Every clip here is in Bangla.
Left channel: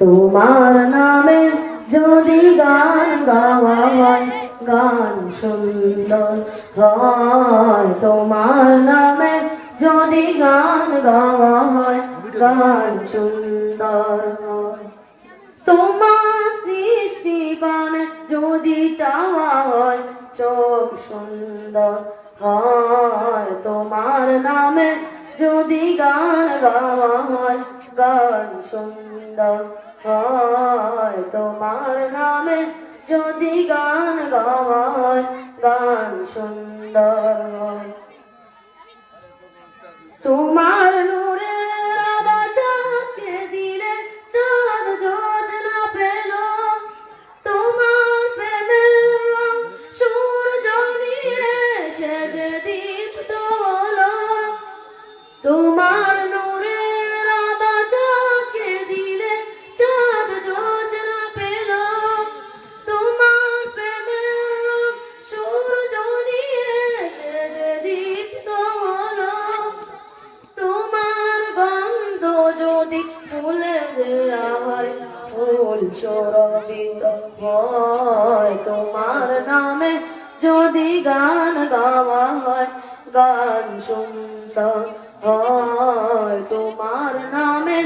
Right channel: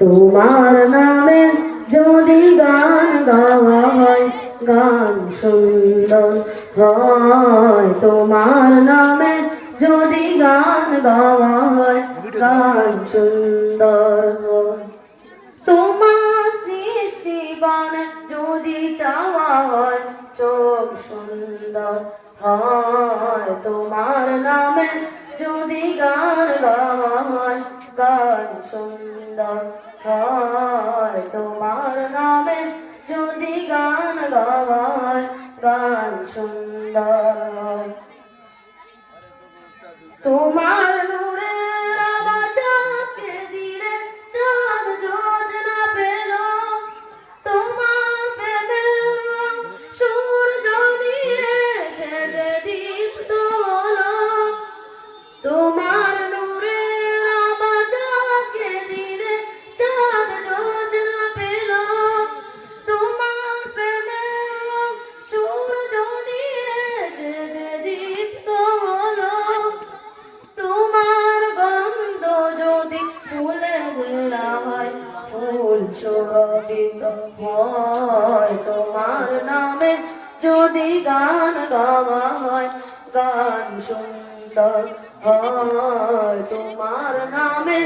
তোমার নামে যদি গান গাওয়া হয়, গান সুন্দর হয়। তোমার নামে যদি গান গাওয়া হয়, গান সুন্দর হয়। তোমার সৃষ্টি গানে যদি চাওয়া হয়, চোখ সুন্দর হয়। তোমার নামে যদি গান গাওয়া হয়, গান সুন্দর হয়। তোমার নামে যদি গান গাওয়া হয়, গান সুন্দর হয়। তোমার নূরের আলোকে দিলে চাঁদ যোজনা পেল, তোমার প্রেমের রং সূর্য নিয়ে সেজে দীপ্ত হলো। তোমার নূরের আলোকে দিলে চাঁদ যোজনা পেল, তোমার প্রেমের রং সূর্য নিয়ে সেজে দীপ্ত হলো। তোমার গন্ধ যদি ফুলে দেয়া হয়, ফুল সুরভিত হয়। তোমার নামে যদি গান গাওয়া হয়, গান সুন্দর হয়। তোমার নামে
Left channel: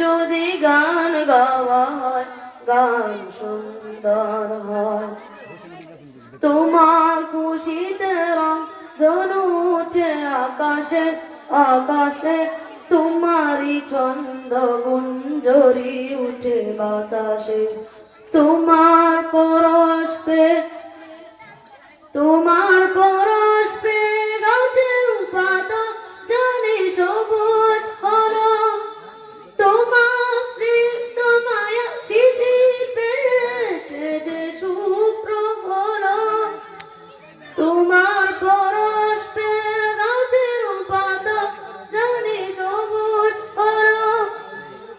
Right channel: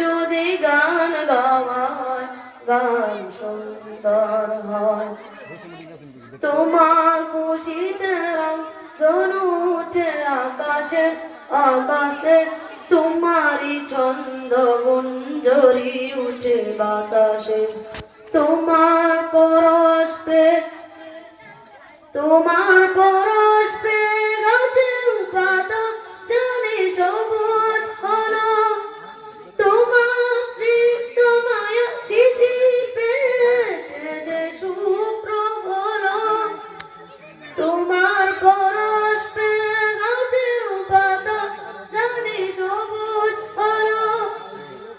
যদি গান গাওয়া হয়, গান সুন্দর হয়। তোমার খুশিতে রং উঠে আকাশে আকাশে, তোমারই ছন্দ গুঞ্জরি উঠে বাতাসে। তোমার পরশ পে গাছের পাতা জানি সবুজ হলো। তোমার স্নিগ্ধ মায়া শিশির পেয়ে সেজে শুভ্র হলো। তোমার পরশ পে গাছের পাতা জানি সবুজ হলো।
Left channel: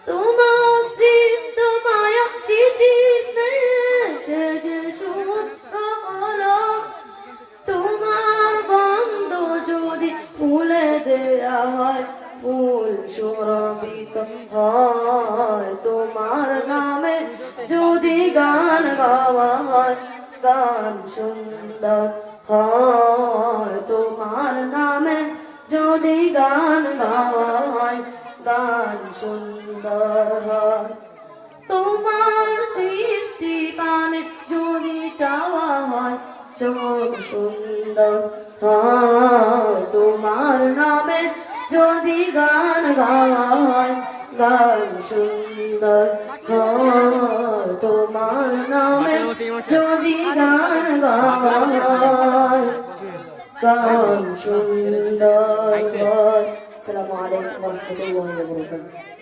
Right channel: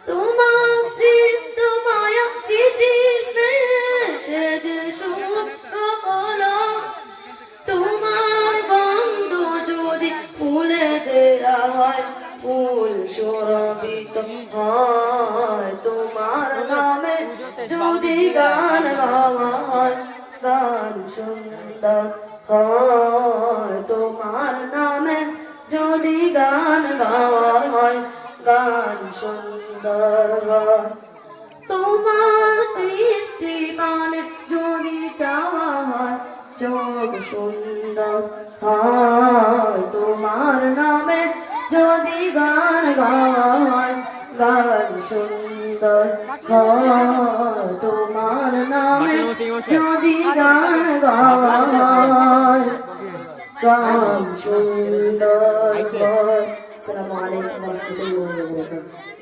তোমার স্নিগ্ধ মায়া শিশির পেয়ে সেজে শুভ্র হলো। তোমার গন্ধ যদি ফুলে দেয়া হয়, ফুল সুরভিত হয়। তোমার নামে যদি গান গাওয়া হয়, গান সুন্দর হয়। তোমার নামে যদি গান গাওয়া হয়, গান সুন্দর হয়। তোমার সৃষ্টি গানে যদি চাওয়া হয়, চোখ সুন্দর হয়। তোমার নামে যদি গান গাওয়া হয়, গান সুন্দর হয়। তোমার নামে যদি গান গাওয়া হয়, গান সুন্দর হয়। আসসালামু আলাইকুম ওয়া রাহমাতুল্লাহি ওয়া বারাকাতুহু।